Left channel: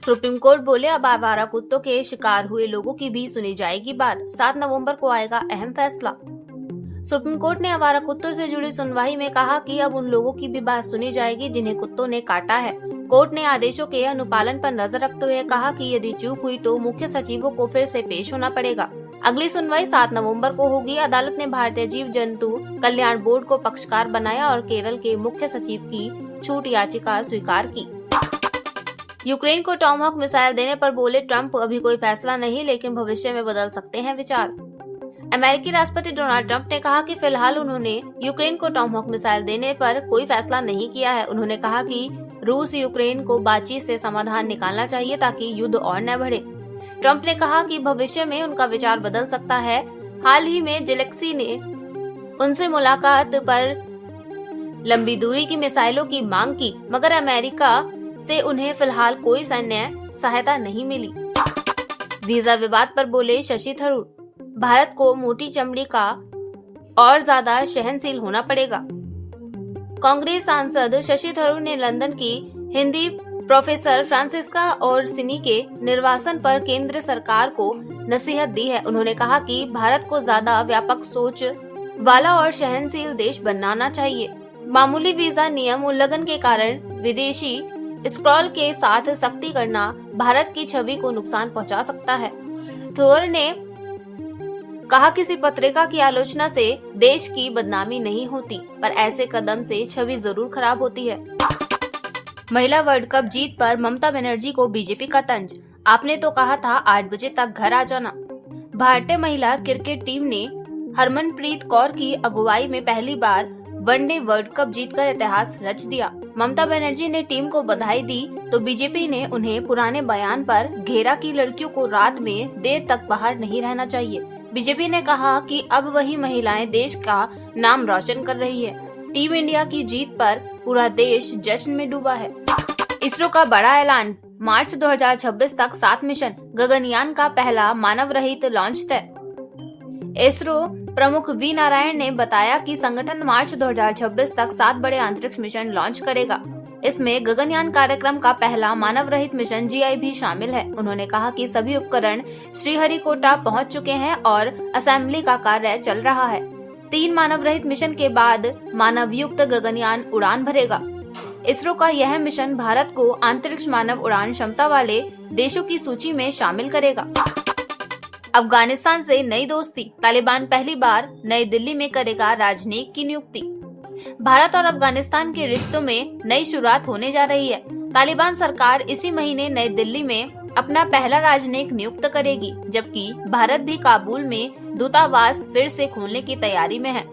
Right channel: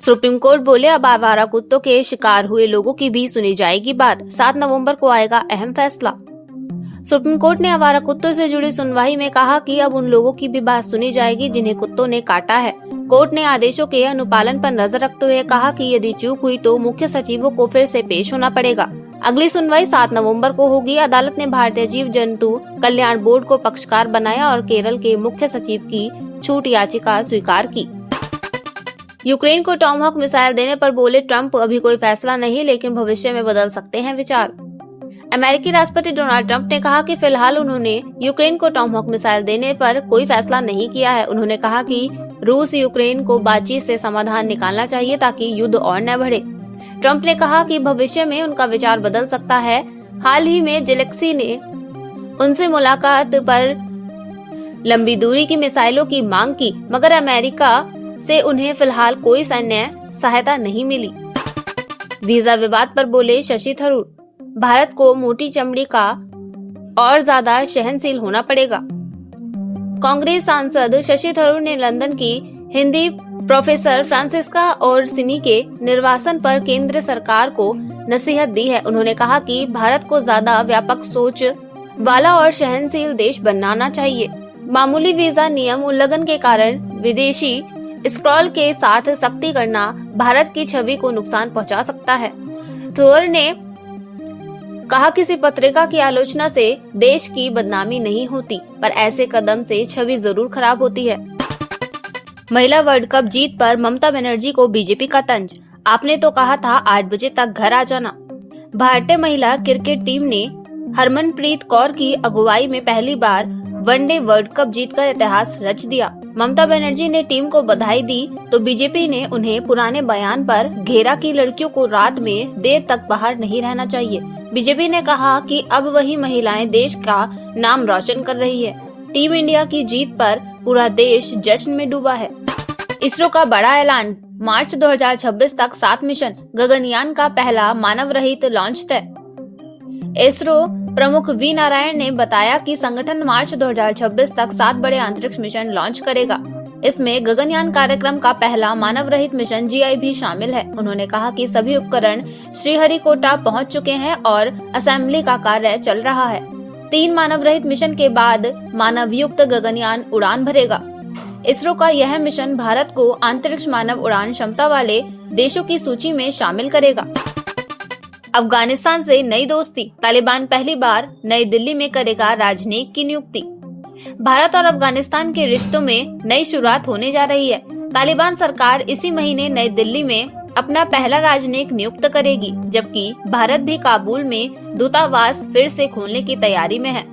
Supreme court बोले अब आवारा कुत्तों के शिकार हुए लोगों की भी सुनी जाएगी बात। 7 नवंबर को आएगा अहम फैसला। सुप्रीम कोर्ट ने आवारा कुत्तों से जुड़ी सुनवाई में कहा कि अब उन लोगों की भी बात सुनी जाएगी जिन्हें कुत्तों ने काटा है। कोर्ट ने आदेशों के अनुपालन पर नजर रखते हुए कहा कि यदि चूक हुई तो मुख्य सचिवों को फिर से पेश होना पड़ेगा। अगली सुनवाई 7 नवंबर को होगी। अदालत ने भारतीय जीव जंतु कल्याण बोर्ड को पक्षकार बनाया और केरल के मुख्य सचिव की छूट याचिका स्वीकार की। यूक्रेन को टॉमहॉक मिसाइल देने पर बोले ट्रंप, अभी कोई फैसला नहीं, लेकिन भविष्य में बदल सकते हैं विचार। अमेरिकी राष्ट्रपति डोनाल्ड ट्रंप ने कहा कि फिलहाल उन्होंने यूक्रेन को टॉमहॉक मिसाइल देने पर कोई फैसला नहीं किया है। उन्होंने कहा कि रूस यूक्रेन को बातचीत से समाधान निकालना चाहिए ताकि युद्ध और न बढ़े। ट्रंप ने कहा कि भविष्य में उनका विचार बदल सकता है। हाल ही में जेलेंस्की ने उनसे मुलाकात पर लंबी दूरी की मिसाइलों की मांग की, मगर अमेरिका से उन्हें फिलहाल कोई सैन्य सहायता नहीं मिली। वीजा विवाद पर बोले शशि थरूर, भारत को मोटी चमड़ी का और ज्यादा सहनशील होना पड़ेगा। कांग्रेस सांसद शशि थरूर ने लंदन की हिंदी प्रोफेसर फ्रांसिस्का ओरसिनी के निर्वासन पर केंद्र सरकार को नसीहत दी है। उन्होंने कहा कि भारत को ज्यादा व्यापक सोच वाला और सहनशील देश बनाना चाहिए। मामूली वीजा नियम उल्लंघन के कारण विदेशी स्क्रॉल के साथ सख्ती करना भारत की छवि को नुकसान पहुंचा सकता है। थोर ने कहा किसी पत्रिका की आलोचना से देश की बदनामी नहीं होती, पर ऐसे कदम से छवि जरूर खराब होती है। महिला वर्ल्ड कप जीत पर ममता बनर्जी को बीजेपी का तंज, आपने तो कहा था 8 बजे तक घर आ जाना। भारतीय महिला क्रिकेट टीम ने हरमनप्रीत कौर की अगुवाई में पहली बार वनडे वर्ल्ड कप जीतकर इतिहास रच दिया। ममता बनर्जी ने टीम को बधाई दी तो बीजेपी ने उन्हें पुराने बयान पर घेरा कि लड़कियों को रात में देर तक बाहर नहीं रहना चाहिए। बीजेपी ने कहा कि अब वही महिलाएं देश का नाम रोशन कर रही है। टीम इंडिया की जीत पर पूरा देश जश्न में डूबा है। इसरो का बड़ा ऐलान, मार्च 2026 तक 7 मिशन, गगनयान का पहला मानव रहित लॉन्च तय। इसरो प्रमुख वी नारायण ने बताया कि संगठन मार्च 2026 तक 7 बड़े अंतरिक्ष मिशन लॉन्च करेगा। इसमें गगनयान कार्यक्रम का पहला मानव रहित मिशन GI भी शामिल है। उन्होंने कहा कि सभी उपकरण श्रीहरिकोटा पहुंच चुके हैं और असेंबली का कार्य चल रहा है। 3 मानव रहित मिशन के बाद मानव युक्त गगनयान उड़ान भरेगा। इसरो का यह मिशन भारत को अंतरिक्ष मानव उड़ान क्षमता वाले देशों की सूची में शामिल करेगा। अफगानिस्तान से नई दोस्ती, तालिबान पहली बार नई दिल्ली में करेगा राजनयिक की नियुक्ति। भारत और अफगानिस्तान के रिश्तों में नई शुरुआत होने जा रही है। तालिबान सरकार इसी महीने नई दिल्ली में अपना पहला राजनयिक नियुक्त करेगी, जबकि भारत भी काबुल में दूतावास फिर से खोलने की तैयारी में है।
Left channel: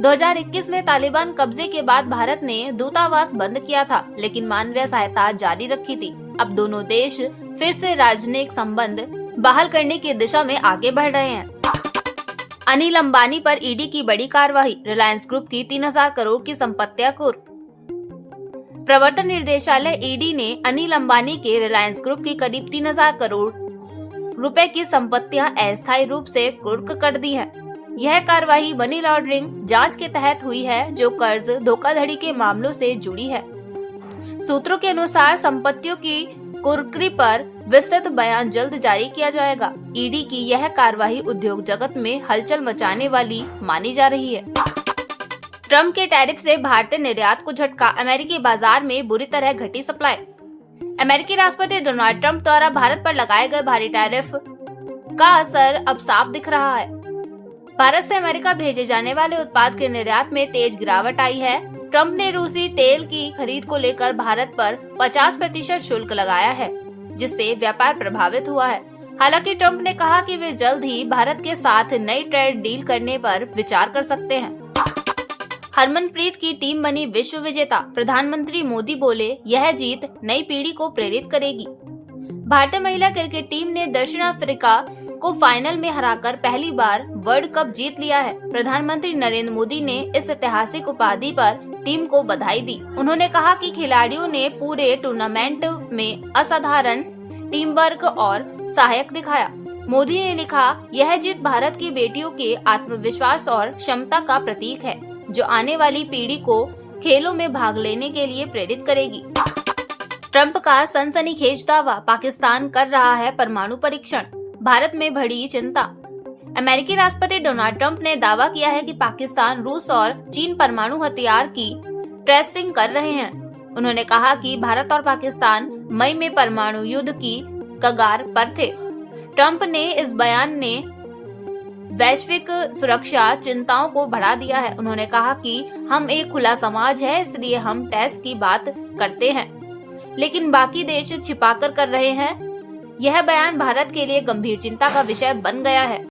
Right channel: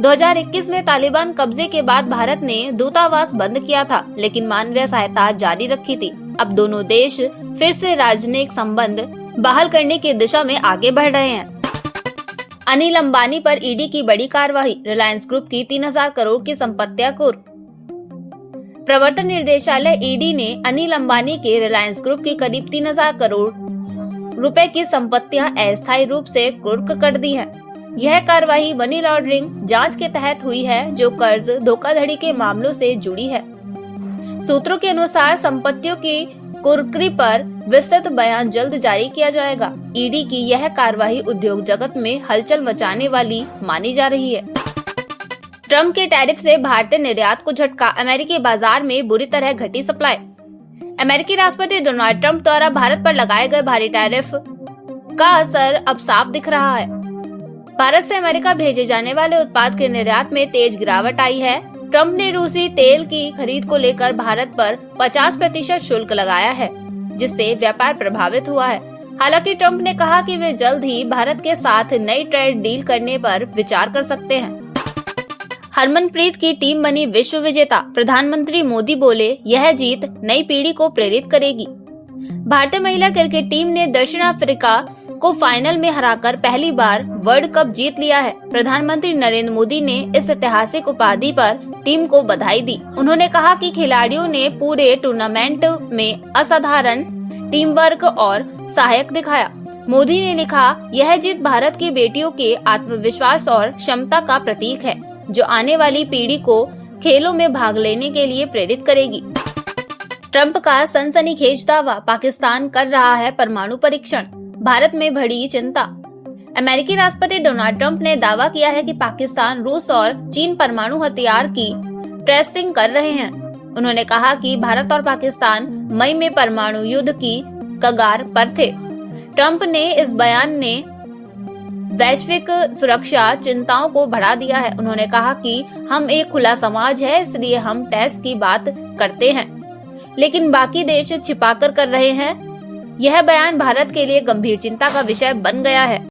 2021 में तालिबान कब्जे के बाद भारत ने दूतावास बंद किया था, लेकिन मानवीय सहायता जारी रखी थी। अब दोनों देश फिर से राजनयिक संबंध बहाल करने की दिशा में आगे बढ़ रहे हैं। अनिल अंबानी पर ईडी की बड़ी कार्रवाई, रिलायंस ग्रुप की 3000 करोड़ की संपत्तियां कुर्क। प्रवर्तन निर्देशालय ईडी ने अनिल अंबानी के रिलायंस ग्रुप की करीब 3000 करोड़ रुपए की संपत्तियां अस्थायी रूप से कुर्क कर दी है। यह कार्रवाई मनी लॉन्ड्रिंग जांच के तहत हुई है, जो कर्ज धोखाधड़ी के मामलों से जुड़ी है। सूत्रों के अनुसार संपत्तियों की कुर्की पर विस्तृत बयान जल्द जारी किया जाएगा। ईडी की यह कार्रवाई उद्योग जगत में हलचल मचाने वाली मानी जा रही है। ट्रंप के टैरिफ से भारतीय निर्यात को झटका, अमेरिकी बाजार में बुरी तरह घटी सप्लाई। अमेरिकी राष्ट्रपति डोनाल्ड ट्रंप द्वारा भारत पर लगाए गए भारी टैरिफ का असर अब साफ दिख रहा है। भारत से अमेरिका भेजे जाने वाले उत्पाद के निर्यात में तेज गिरावट आई है। ट्रंप ने रूसी तेल की खरीद को लेकर भारत पर 50% शुल्क लगाया है, जिससे व्यापार प्रभावित हुआ है। हालांकि ट्रंप ने कहा कि वे जल्द ही भारत के साथ नई ट्रेड डील करने पर विचार कर सकते हैं। हरमनप्रीत की टीम बनी विश्व विजेता, प्रधानमंत्री मोदी बोले यह जीत नई पीढ़ी को प्रेरित करेगी। भारतीय महिला क्रिकेट टीम ने दक्षिण अफ्रीका को फाइनल में हराकर पहली बार वर्ल्ड कप जीत लिया है। प्रधानमंत्री नरेंद्र मोदी ने इस ऐतिहासिक उपाधि पर टीम को बधाई दी। उन्होंने कहा कि खिलाड़ियों ने पूरे टूर्नामेंट में असाधारण टीम वर्क और सहायक दिखाया। मोदी ने लिखा, यह जीत भारत की बेटियों के आत्मविश्वास और क्षमता का प्रतीक है, जो आने वाली पीढ़ी को खेलों में भाग लेने के लिए प्रेरित करेगी। ट्रंप का सनसनीखेज दावा, पाकिस्तान कर रहा है परमाणु परीक्षण, भारत में बढ़ी चिंता। अमेरिकी राष्ट्रपति डोनाल्ड ट्रंप ने दावा किया है कि पाकिस्तान, रूस और चीन परमाणु हथियार की टेस्टिंग कर रहे हैं। उन्होंने कहा कि भारत और पाकिस्तान मई में परमाणु युद्ध की कगार पर थे। ट्रंप ने इस बयान ने वैश्विक सुरक्षा चिंताओं को बढ़ा दिया है। उन्होंने कहा कि हम एक खुला समाज है, इसलिए हम टेस्ट की बात करते हैं, लेकिन बाकी देश छिपाकर कर रहे हैं। यह बयान भारत के लिए गंभीर चिंता का विषय बन गया है।